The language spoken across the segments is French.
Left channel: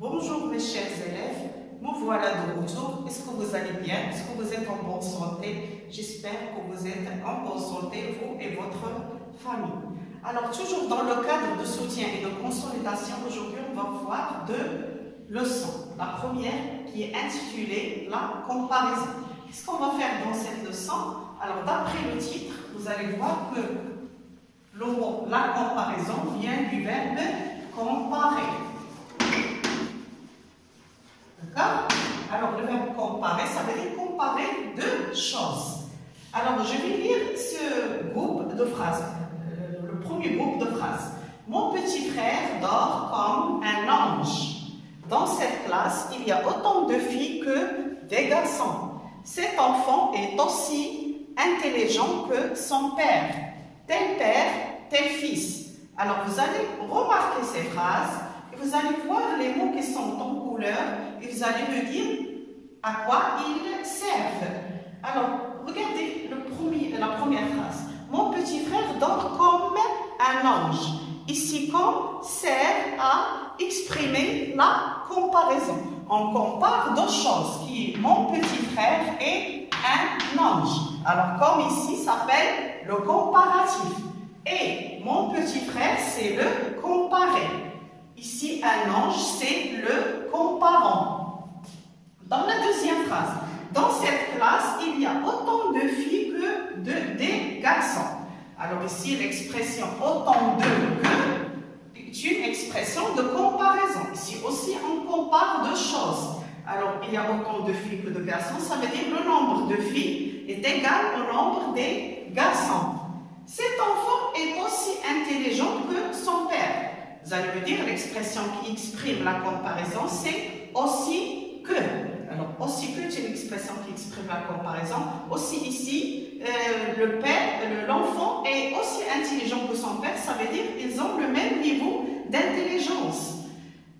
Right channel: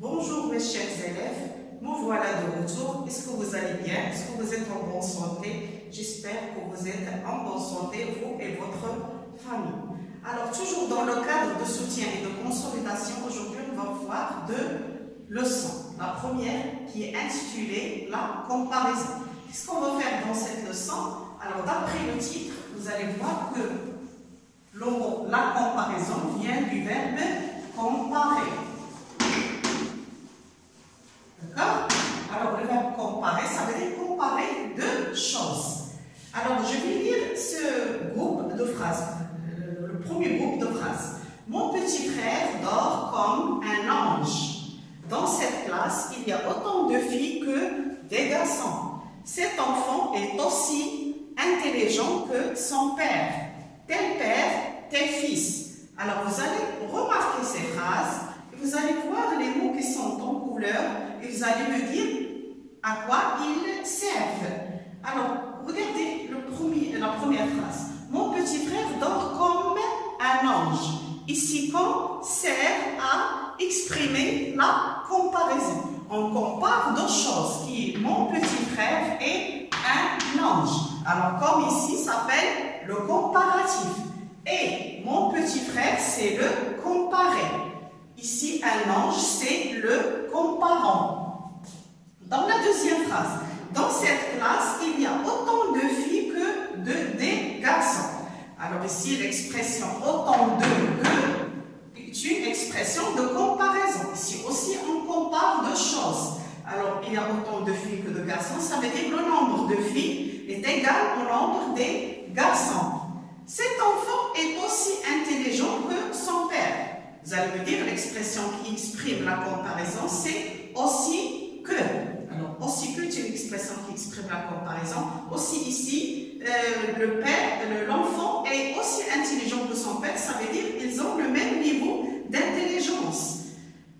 Bonjour mes chers élèves, me voilà de retour. Est-ce que vous allez bien? Est-ce que vous êtes en bonne santé? J'espère que vous êtes en bonne santé, vous et votre famille. Alors, toujours dans le cadre de soutien et de consolidation, aujourd'hui on va voir deux leçons. La première qui est intitulée la comparaison. Qu'est-ce qu'on va faire dans cette leçon? Alors, d'après le titre, vous allez voir que le mot la comparaison vient du verbe comparer. D'accord? Alors, le verbe comparer, ça veut dire comparer deux choses. Alors, je vais lire ce groupe de phrases. Le premier groupe de phrases. Mon petit frère dort comme un ange. Dans cette classe, il y a autant de filles que des garçons. Cet enfant est aussi intelligent que son père. Tel père, tel fils. Alors, vous allez remarquer ces phrases et vous allez voir les mots qui sont en couleur et vous allez me dire à quoi ils servent. Alors, regardez la première phrase. Mon petit frère dort comme un ange. Ici, comme sert à exprimer la comparaison. On compare deux choses, qui est mon petit frère et un ange. Alors, comme ici, ça s'appelle le comparatif. Et mon petit frère, c'est le comparé. Ici, un ange, c'est le comparant. Dans la deuxième phrase, dans cette classe, il y a autant de filles que des garçons. Alors ici, l'expression autant de que est une expression de comparaison. Ici aussi, on compare deux choses. Alors, il y a autant de filles que de garçons, ça veut dire le nombre de filles est égal au nombre des garçons. Cet enfant est aussi intelligent que son père. Vous allez me dire, l'expression qui exprime la comparaison, c'est aussi que. Alors, aussi que est une expression qui exprime la comparaison. Aussi ici, l'enfant est aussi intelligent que son père, ça veut dire qu'ils ont le même niveau d'intelligence.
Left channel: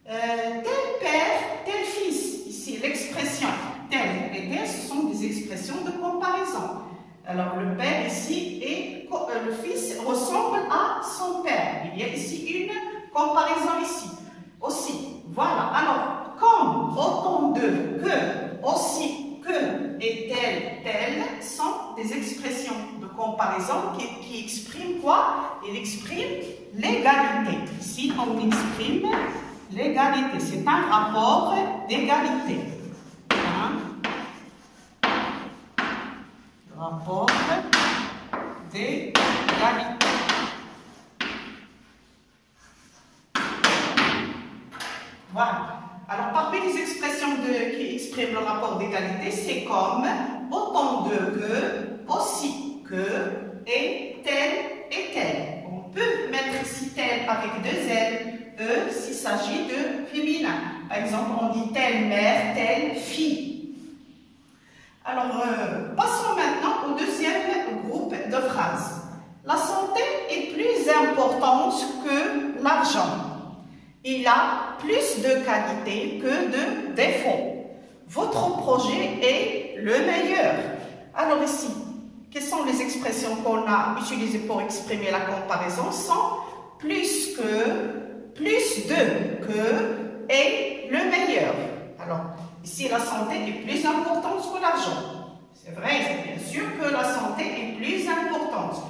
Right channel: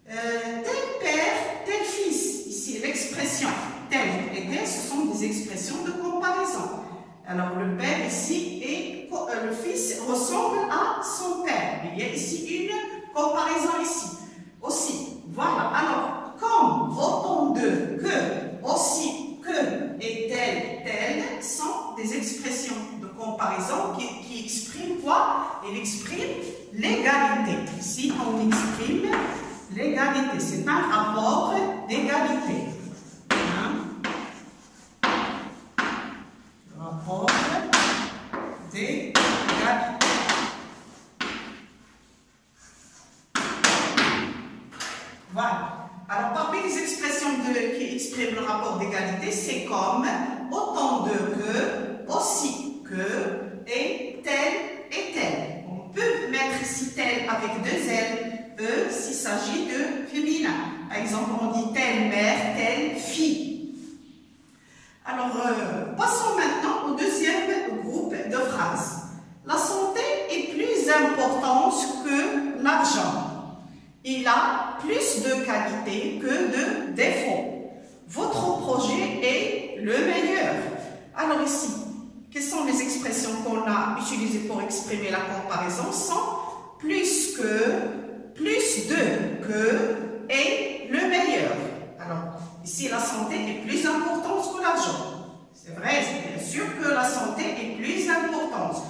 Tel père, tel fils. Ici, l'expression tel et tel, ce sont des expressions de comparaison. Alors, le père ici et le fils ressemble à son père. Il y a ici une comparaison ici. Aussi, voilà. Alors, comme, autant de, que, aussi, que et tel, tel sont des expressions de comparaison qui expriment quoi? Ils expriment l'égalité. Ici, on exprime l'égalité. C'est un rapport d'égalité. Rapport d'égalité. Voilà. Alors, parmi les expressions qui expriment le rapport d'égalité, c'est comme, autant de que, aussi que, et tel. On peut mettre ici tel avec deux L, s'il s'agit de féminin. Par exemple, on dit telle mère, telle fille. Alors, passons maintenant au deuxième groupe de phrases. La santé est plus importante que l'argent. Il a plus de qualité que de défauts. Votre projet est le meilleur. Alors ici, quelles sont les expressions qu'on a utilisées pour exprimer la comparaison? Sont plus que, plus de que et le meilleur. Alors, ici, la santé est plus importante que l'argent. C'est vrai, bien sûr que la santé est plus importante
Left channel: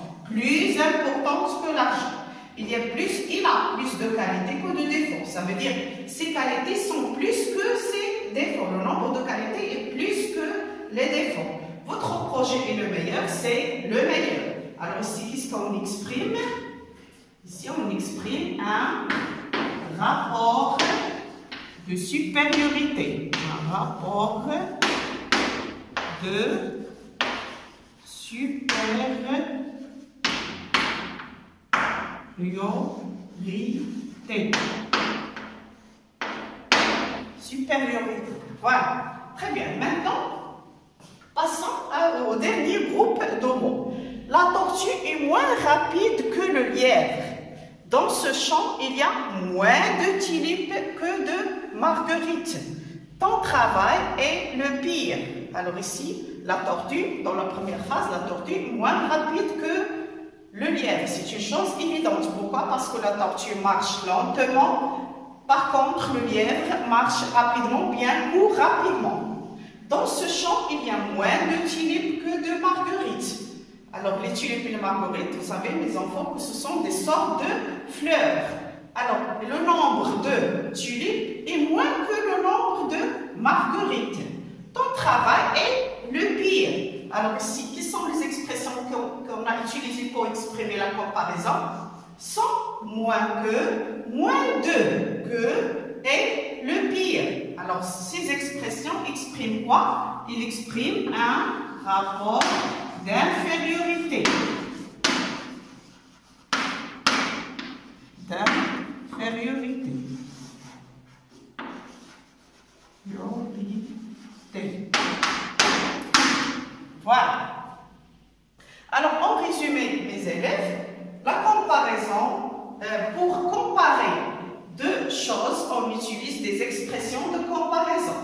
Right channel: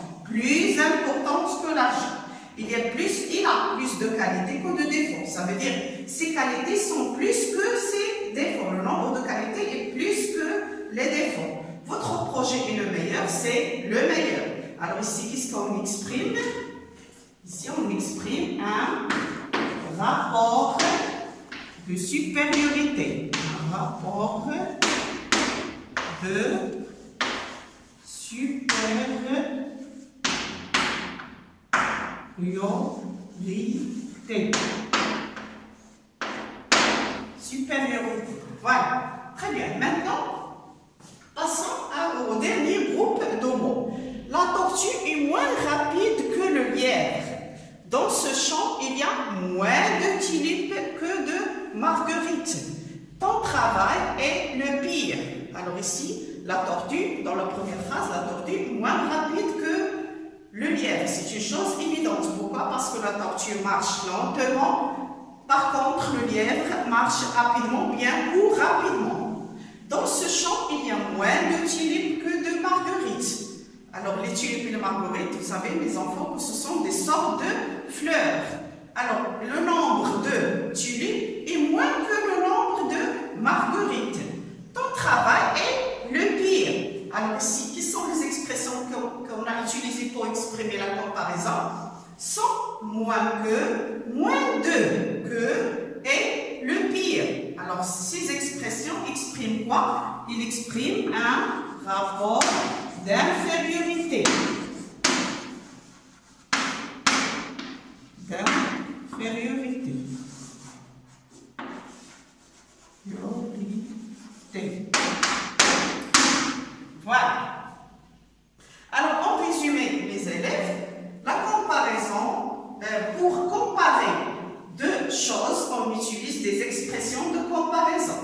que l'argent. Il a plus de qualités que de défauts. Ça veut dire ses qualités sont plus que ses défauts. Le nombre de qualités est plus que les défauts. Votre projet est le meilleur, c'est le meilleur. Alors ici, qu'est-ce qu'on exprime? Ici, on exprime un rapport de supériorité. Un rapport de supériorité. Supériorité. Voilà. Très bien. Maintenant, passons au dernier groupe de mots. La tortue est moins rapide que le lièvre. Dans ce champ, il y a moins de tulipes que de marguerites. Ton travail est le pire. Alors ici, la tortue, dans la première phrase, la tortue est moins rapide que le lièvre. C'est une chose évidente. Pourquoi? Parce que la tortue marche lentement Par contre, le lièvre marche rapidement, bien court rapidement. Dans ce champ, il y a moins de tulipes que de marguerites. Alors, les tulipes et les marguerites, vous savez, les enfants, que ce sont des sortes de fleurs. Alors, le nombre de tulipes est moins que le nombre de marguerites. Ton travail est le pire. Alors ici, quelles sont les expressions qu'on a utilisées pour exprimer la comparaison? Sans, moins que, moins de, que et le pire. Alors ces expressions expriment quoi? Ils expriment un rapport d'infériorité. D'infériorité. Voilà. Alors, en résumé, mes élèves, la comparaison, pour comparer deux choses, on utilise des expressions de comparaison.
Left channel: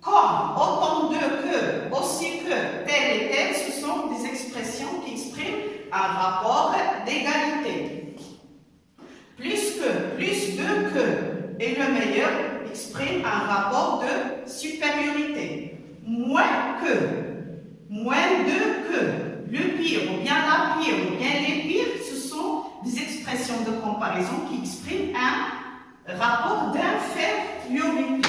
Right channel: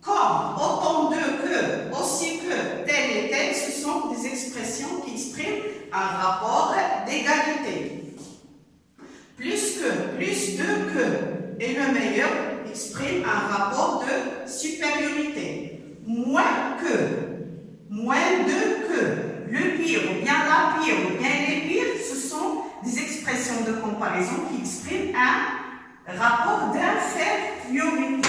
Comme, autant de, que, aussi que, tel et tel, ce sont des expressions qui expriment un rapport d'égalité. Plus que, plus de, que, et le meilleur exprime un rapport de supériorité. Moins de que, le pire ou bien la pire ou bien les pires, ce sont des expressions de comparaison qui expriment un rapport d'infériorité.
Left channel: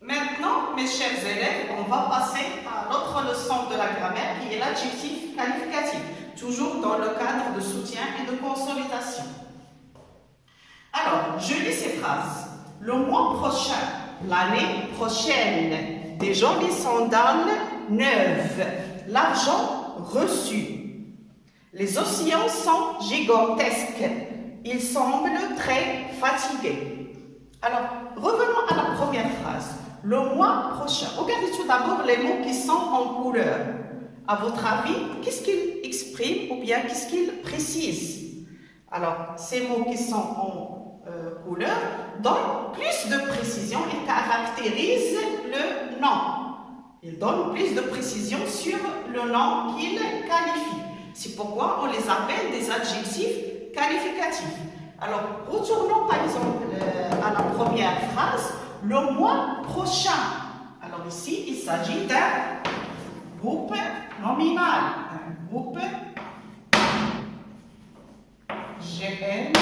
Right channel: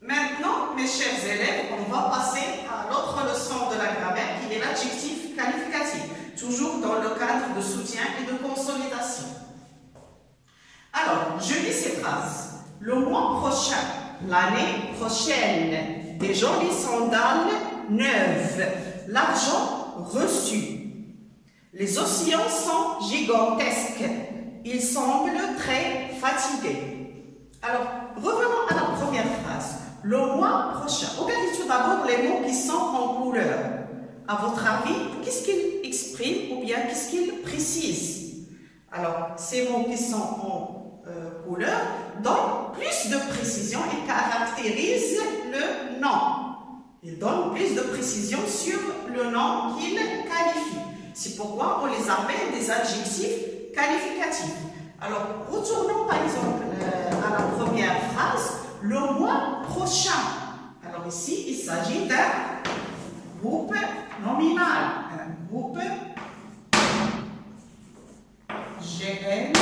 Maintenant, mes chers élèves, on va passer à l'autre leçon de la grammaire qui est l'adjectif qualificatif, toujours dans le cadre de soutien et de consolidation. Alors, je lis ces phrases. Le mois prochain, l'année prochaine, des jolies sandales neuves, l'argent reçu. Les océans sont gigantesques. Ils semblent très fatigués. Alors, revenons à la première phrase. Le mois prochain. Regardez tout d'abord les mots qui sont en couleur. À votre avis, qu'est-ce qu'ils expriment ou bien qu'est-ce qu'ils précisent? Alors, ces mots qui sont en couleur donnent plus de précision et caractérisent le nom. Ils donnent plus de précision sur le nom qu'ils qualifient. C'est pourquoi on les appelle des adjectifs qualificatifs. Alors, retournons par exemple à la première phrase, le mois prochain. Alors ici, il s'agit d'un groupe nominal. Un groupe GN,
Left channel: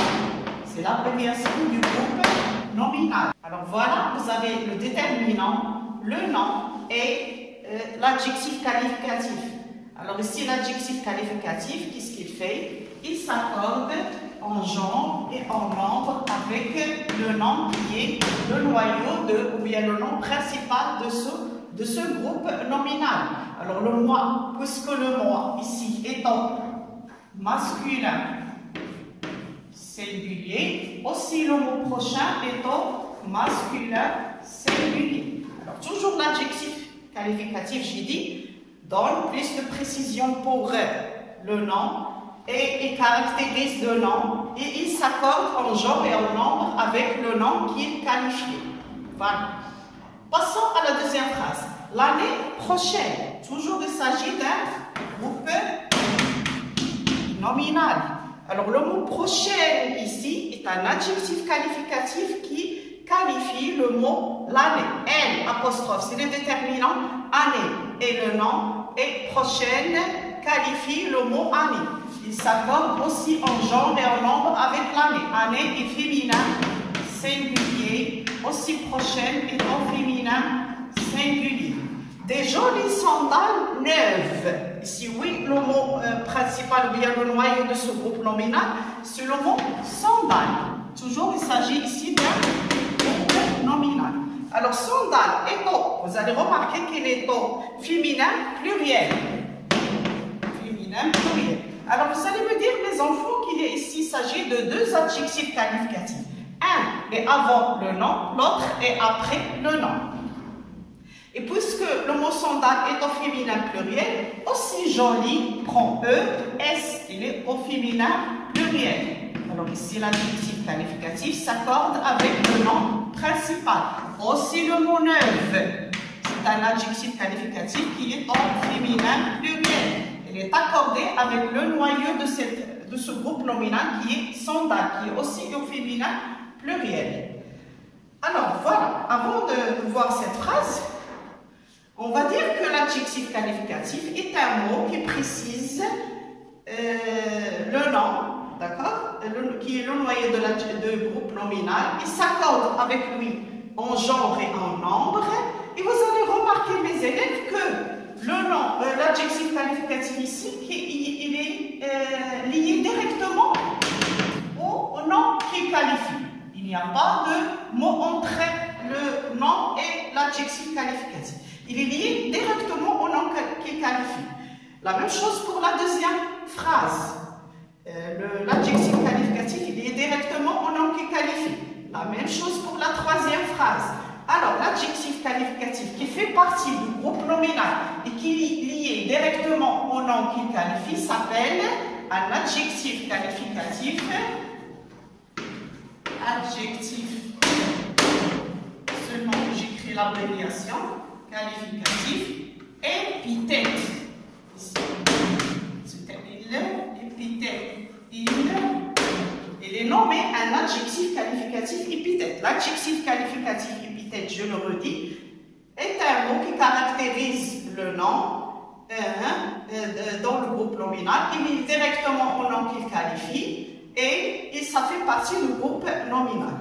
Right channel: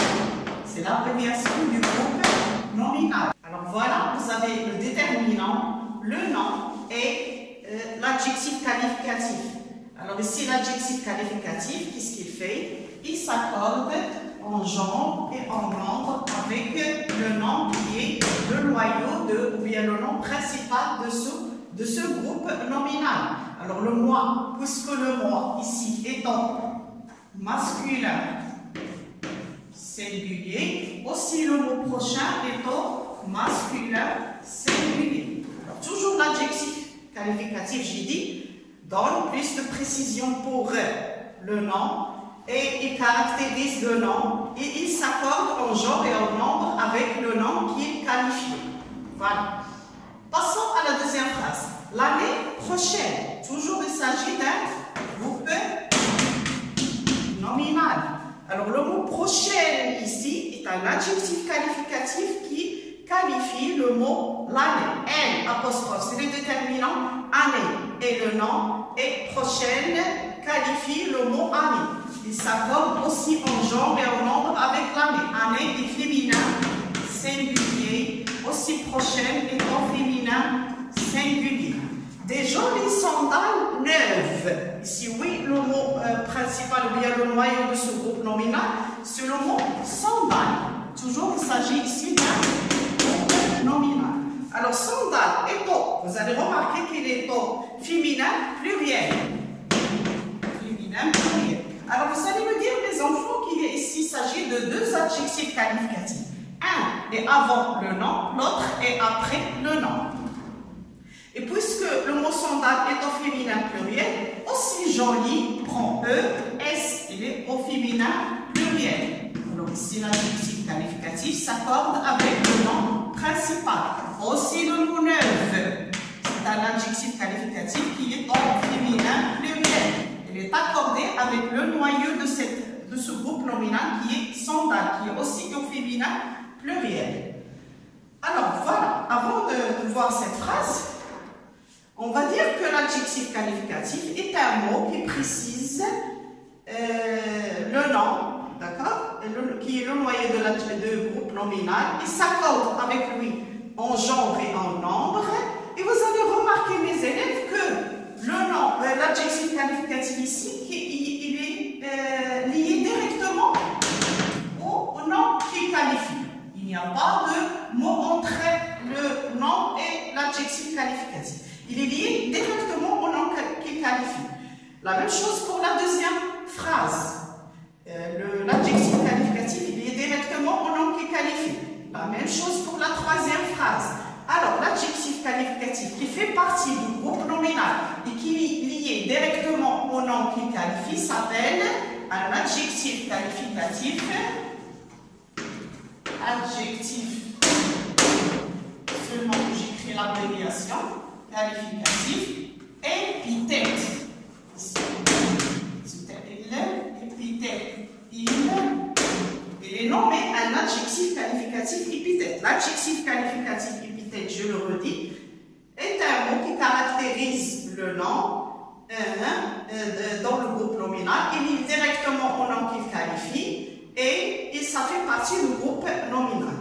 c'est l'abréviation du groupe nominal. Alors voilà, vous avez le déterminant, le nom et l'adjectif qualificatif. Alors ici, l'adjectif qualificatif, qu'est-ce qu'il fait? Il s'accorde en genre et en nombre avec le nom qui est le noyau de, ou bien le nom principal de ce groupe nominal. Alors le mois, puisque le mois ici étant masculin singulier, aussi le mot prochain étant masculin singulier. Alors toujours l'adjectif qualificatif, j'ai dit, donne plus de précision pour le nom et il caractérise le nom et il s'accorde en genre et en nombre avec le nom qu'il qualifie. Voilà. Passons à la deuxième phrase. L'année prochaine. Toujours il s'agit d'un groupe nominal. Alors le mot prochaine ici est un adjectif qualificatif qui qualifie le mot l'année. N apostrophe, c'est le déterminant année et le nom et prochaine qualifie le mot année. Il s'accorde aussi en genre et en nombre avec l'année. Année est féminin singulier, aussi prochaine étant féminin singulier. Des jolies sandales neuves. Ici, oui, le mot principal ou bien le noyau de ce groupe nominal, c'est le mot sandales. Toujours, il s'agit ici d'un groupe nominal. Alors, sandales étant, vous allez remarquer qu'il est au féminin pluriel. Féminin pluriel. Alors, vous allez me dire, les enfants, qu'il ici s'agit de deux adjectifs qualificatifs. Un est avant le nom, l'autre est après le nom. Et puisque le mot sandale est au féminin pluriel, aussi joli prend E, S, il est au féminin pluriel. Alors ici, l'adjectif qualificatif s'accorde avec le nom principal. Aussi le mot neuve, c'est un adjectif qualificatif qui est au féminin pluriel. Il est accordé avec le noyau de ce groupe nominal qui est sandale, qui est aussi au féminin pluriel. Alors voilà, avant de voir cette phrase, on va dire que l'adjectif qualificatif est un mot qui précise le nom, d'accord, qui est le noyau de groupe nominal et s'accorde avec lui en genre et en nombre. Et vous allez remarquer, mes élèves, que le nom, l'adjectif qualificatif ici, il est lié directement au nom qu'il qualifie. Il n'y a pas de mot entre le nom et l'adjectif qualificatif. Il est lié directement au nom qu'il qualifie. La même chose pour la deuxième phrase. L'adjectif qualificatif, il est lié directement au nom qu'il qualifie. La même chose pour la troisième phrase. Alors, l'adjectif qualificatif qui fait partie du groupe nominal et qui est lié directement au nom qu'il qualifie s'appelle un adjectif qualificatif. Adjectif, seulement j'écris l'abréviation, qualificatif, épithète. C'était épithète. Il est nommé un adjectif qualificatif épithète. L'adjectif qualificatif épithète, je le redis, est un mot qui caractérise le nom dans le groupe nominal. Il est directement au nom qu'il qualifie et ça fait partie du groupe nominal.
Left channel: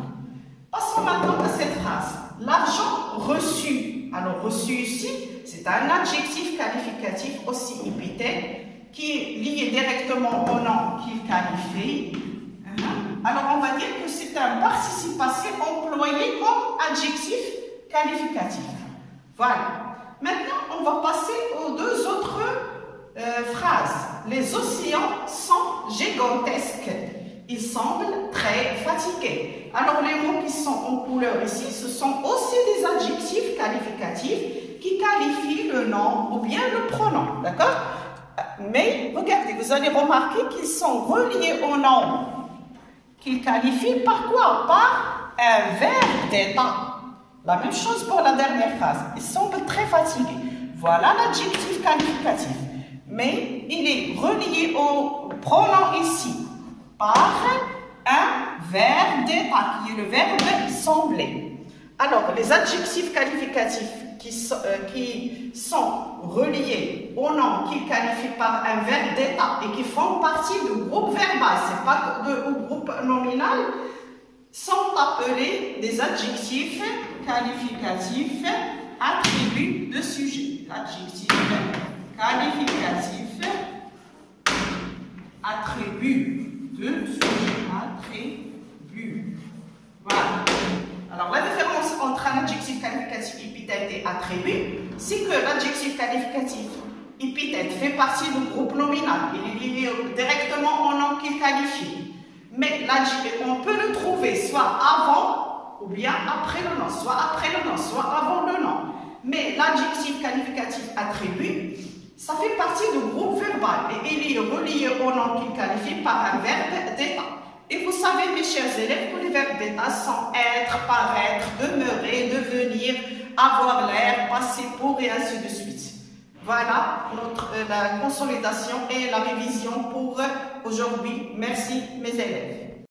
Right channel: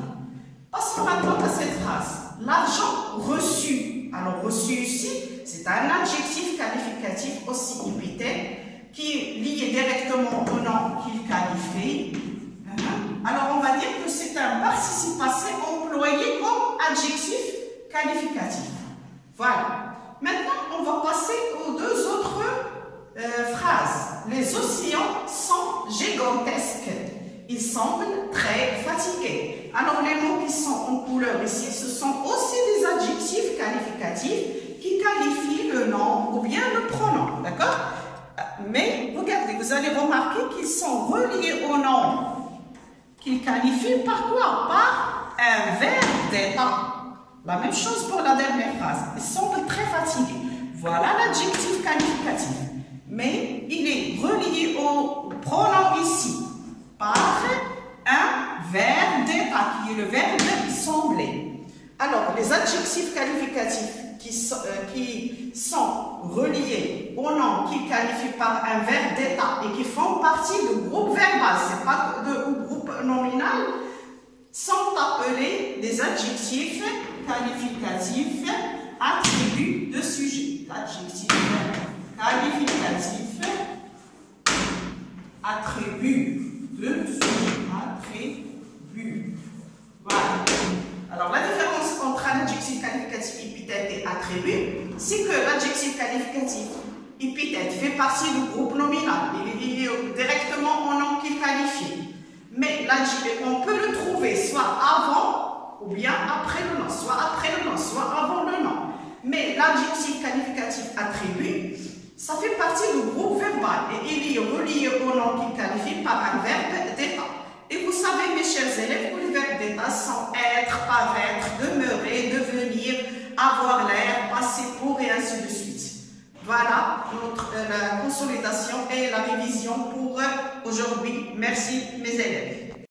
Passons maintenant à cette phrase. L'argent reçu. Alors, reçu ici, c'est un adjectif qualificatif aussi épithète qui est lié directement au nom qu'il qualifie. Alors, on va dire que c'est un participe passé employé comme adjectif qualificatif. Voilà. Maintenant, on va passer aux deux autres phrases. Les océans sont gigantesques. Ils semblent très fatigués. Alors, les mots qui sont en couleur ici, ce sont aussi des adjectifs qualificatifs qui qualifient le nom ou bien le pronom. D'accord? Mais, regardez, vous allez remarquer qu'ils sont reliés au nom qu'ils qualifient par quoi? Par un verbe d'état. La même chose pour la dernière phrase. Ils semblent très fatigués. Voilà l'adjectif qualificatif. Mais il est relié au pronom ici par un verbe d'état qui est le verbe sembler. Alors, les adjectifs qualificatifs qui sont reliés au nom qu'ils qualifient par un verbe d'état et qui font partie du groupe verbal, ce n'est pas du groupe nominal, sont appelés des adjectifs qualificatifs attributs de sujet. L'adjectif qualificatif attribut de sujet. Attribut. Voilà. Alors, la différence entre un adjectif qualificatif épithète et attribut, c'est que l'adjectif qualificatif épithète fait partie du groupe nominal. Il est lié directement au nom qu'il qualifie. Mais on peut le trouver soit avant ou bien après le nom, soit après le nom, soit avant le nom. Mais l'adjectif qualificatif attribut, ça fait partie du groupe verbal et il est relié au nom qu'il qualifie par un verbe d'état. Et vous savez, mes chers élèves, que les verbes d'état sont être, paraître, demeurer, devenir, avoir l'air, passer pour et ainsi de suite. Voilà la consolidation et la révision pour aujourd'hui. Merci, mes élèves.